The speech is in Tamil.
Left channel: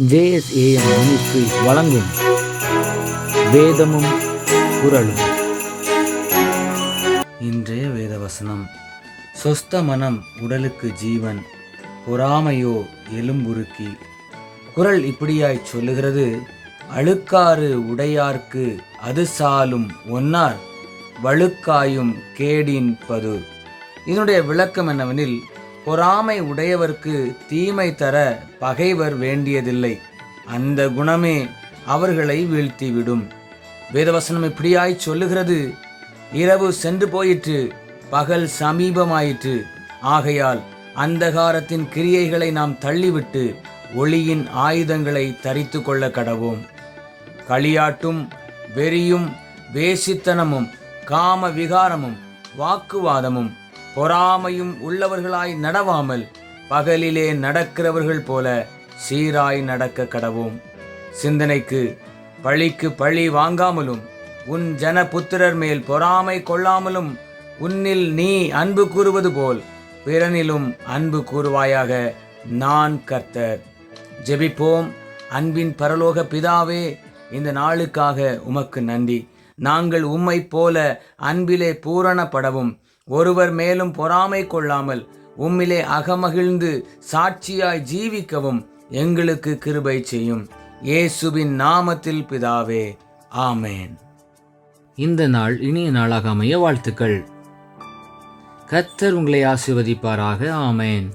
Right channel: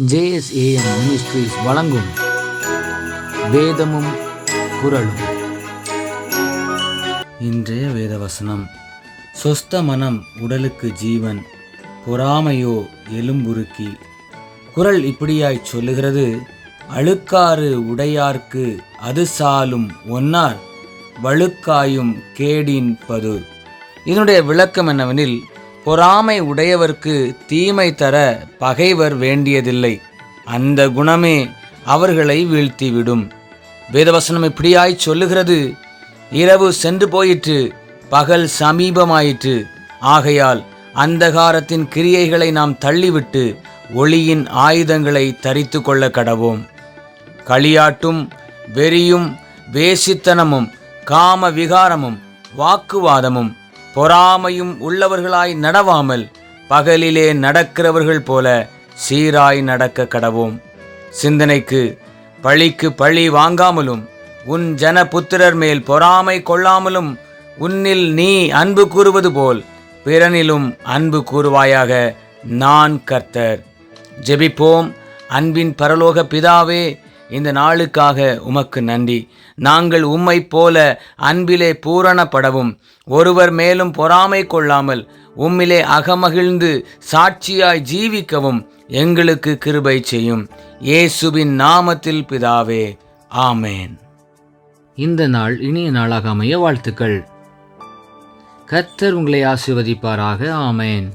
ஜேஎஸ்ஏஎம் மினிஸ்ட்ரிஸ் வழங்கும் வேதமும் குரலும் இன்றைய வேதவசனம். சொஸ்த மனம் உடலுக்கு ஜீவன் பொறாமையோ எலும்புருக்கி. குரல் இப்படியாய் சொல்லுகிறது அழுக்காறு உடையார்க்கு அது சாலும் ஒன்னார் வழுக்காயும் கேடின் பது இதனுடைய விளக்கம் என்னவெனில் பொறாமை உடையவர்க்கு தீமை தர பகைவர் வேண்டியதில்லை. அந்த குணமே அவர்களை வீழ்த்திவிடும். வேதவசனம் இப்படியாய் சொல்லுகிறது. இரவு சென்று போயிற்று பகல் சமீபமாயிற்று. ஆகையால் அந்தகாரத்தின் கிரியைகளை நாம் தள்ளிவிட்டு ஒளியின் ஆயுதங்களை தரித்து கொள்ள கடவோம். களியாட்டும் வெறியும் வேசித்தனமும் காம விகாரமும் வாக்குவாதமும் பொறாமையும் உள்ளவர்களாய் நடவாமல் பகலிலே நடக்கிறவர்கள் போல சீராய் நடக்க கடவோம். சிந்தனைக்கு பழிக்கு பழி வாங்காமலும் உன் ஜன புத்திரர் மேல் பொறாமை கொள்ளாமலும் உன்னில் நீ அன்பு கூறுவது போல் பிறனிலும் அன்பு கூறுவாயாக நான் கர்த்தர். ஜெபிப்போம். அன்பின் பரலோக பிதாவே இந்த நாளுக்காக உமக்கு நன்றி. நாங்கள் உம்மை போல அன்பிலே பூரணப்படவும். ஒருவர் மேலும் பொறாமை கொள்ளாமல் உம்மிலே அகமகிழ்ந்து சாட்சியாய் ஜீவிக்கவும் எங்களுக்கு கிருபை செய்யும். இயேசுவின் நாமத்தில் பிதாவே ஆமேன். இந்த நாள் இனிய நாளாக அமைய வாழ்த்துக்கள். கர்த்தர் உங்களை ஆசிர்வதிப்பாராக ஆமேன்.